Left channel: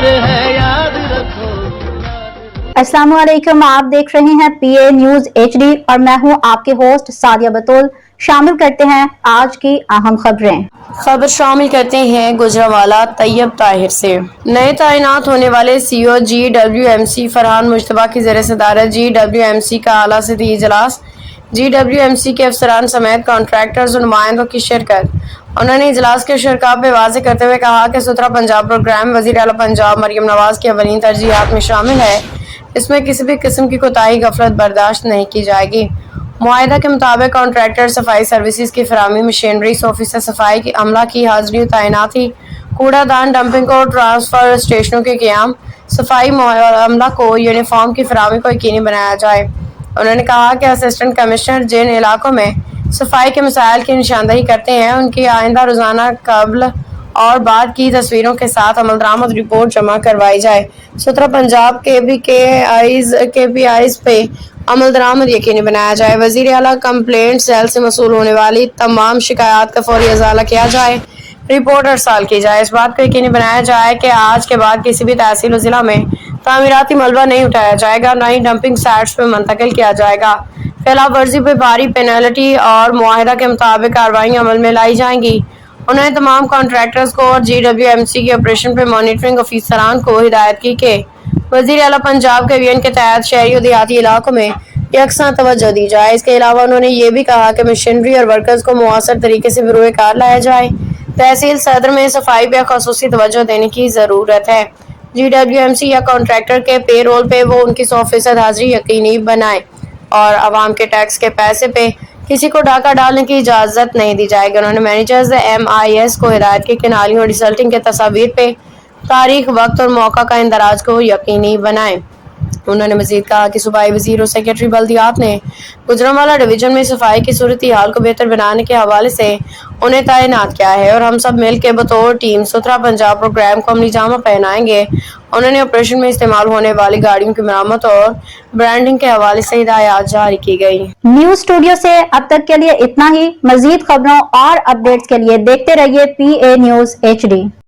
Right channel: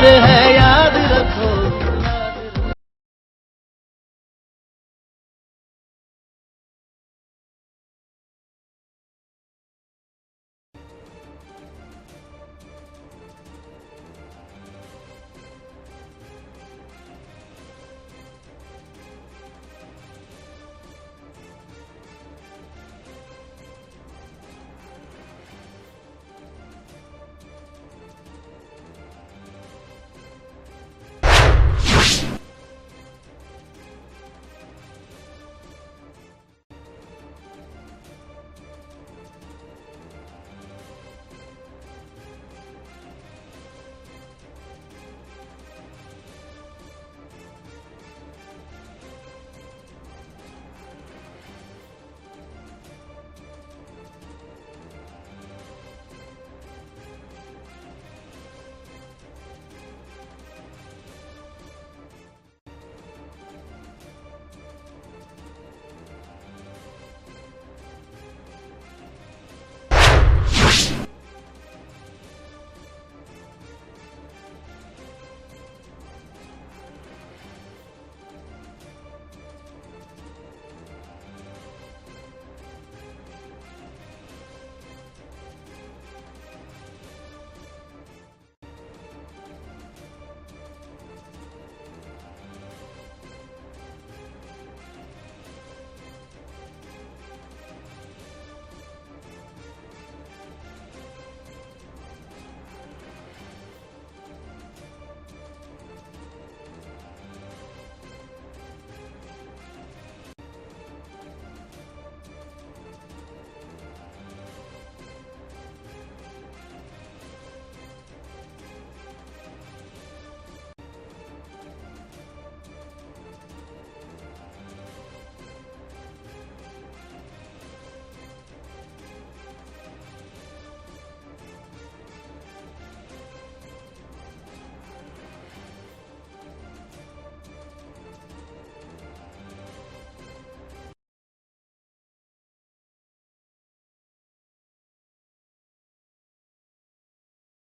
प्यार है, याद रखो। अस्सलाम वालेकुम, आप देख रहे हैं PA न्यूज HD और मैं हूं आपके होस्ट सादिया बतूल। शामिल करते हैं आज की अहम खबरें। खबर शामिल करते हैं गुजरांवाला तैयब ताहिर से। नए तैनात होने वाले CEO GWMC फरहान मुश्तबा की ज़ेर सदारत GWMC का आला सतही इजलास, GWMC के अफसरान समेत कॉन्ट्रैक्टर्स और नुमाइंदों की शिरकत। उन्होंने इजलास के शुरका पे वाज़ेह करते हुए कहा कि सुथरा पंजाब प्रोग्राम वज़ीर आला पंजाब मरियम नवाज की अवलीन तरजीहात में शामिल है। इसमें किसी भी किस्म की कोताही गफलत बर्दाश्त नहीं की जाएगी। मुआहिदा के मुताबिक कॉन्ट्रैक्टर सफाई सर्विसेज की फराहमी, मशीनरी, ऑफिसर सफाई की अमला की हाजिरी तैनाती, कूड़ादान डंपिंग और ट्रांसफर स्टेशनों के क़याम, सफाई अमला को यूनिफॉर्म की फराहमी को यकीनी बनाया जाए। उन्होंने कहा कि असिस्टेंट कमिश्नर जिन इलाकों में सफाई के मसाइल की निशानदही करते हैं उनकी आइंदा रोज़ाना कबल और बाद की तस्वीरों के साथ अमलदरामद रिपोर्ट जमा करवाई जाए। सुथरा पंजाब KPIs पे अमल दरामद यकीनी बनाया जाए। वज़ीर आला कंप्लेंट सेल से मसूल होने वाली तमाम शिकायत का फौरी अजाला किया जाए, रिपोर्ट अरसाल की जाए। इस बात को यकीनी बनाया जाए कि आज के बाद किसी भी तहसील और ज़िला में तामीराती मलबा नहीं उठाया जाएगा, न ही डंपिंग साइट्स पर मुंतकिल किया जाएगा। खिलाफ वर्जी पर भारी पेनल्टी और मुआहिदा के मुताबिक कार्रवाइयाँ अमल में लाई जाएंगी। उन्होंने तमाम कॉन्ट्रैक्टर्स को और GWMC के ऑपरेशन पर मॉनिटरिंग ऑफिसरान को हिदायत की कि वज़ीर आला पंजाब के अभियान के तहत शहरी और देहाती इलाकों में यकसां तवज्जो दी जाए। इसके अलावा उन्होंने ये भी कहा कि मशीनरी और वर्कर्स को मुअस्सर तरीके से बरूए कार लाया जाए। तहसील सदर में सफाई पर ख़ुसूसी तवज्जो देने की ज़रूरत है। GWMC या कॉन्ट्रैक्टर के पे रोल पे वो उनकी 100% हाजिरी यकीनी बनाए और आवाम के टैक्स के पैसे पे किसी को डाका डालने की इजाज़त नहीं दी जाएगी। उन्होंने मैनेजर्स MIS को हिदायत की कि नालियों और रिजल्टिंग के तस्वीर पे तारीख, वक्त और मौका का इंदराज को यकीनी बनाएं। उन्होंने मज़ीद कहा कि सूबाई वज़ीर और सेक्रेटरी बल्दियात ने गुजरांवाला डिवीज़न में सफाई की सूरत हाल को बेहतर बनाने के हवाले से उन्हें तैनात किया है और हम सब मिल के बतौर टीम सुथरा पंजाब प्रोग्राम को अमली जामा पहनाएंगे। उन्होंने ऑपरेशन में इस्तेमाल होने वाली गाड़ियों की मरम्मत और ब्रांडिंग के हवाले से हिदायत जारी की गई। न्यूज स्टूडियो से अब तक के लिए इतना ही। मजीद खबरों और अपडेट्स के लिए देखते रहिए PA न्यूज HD।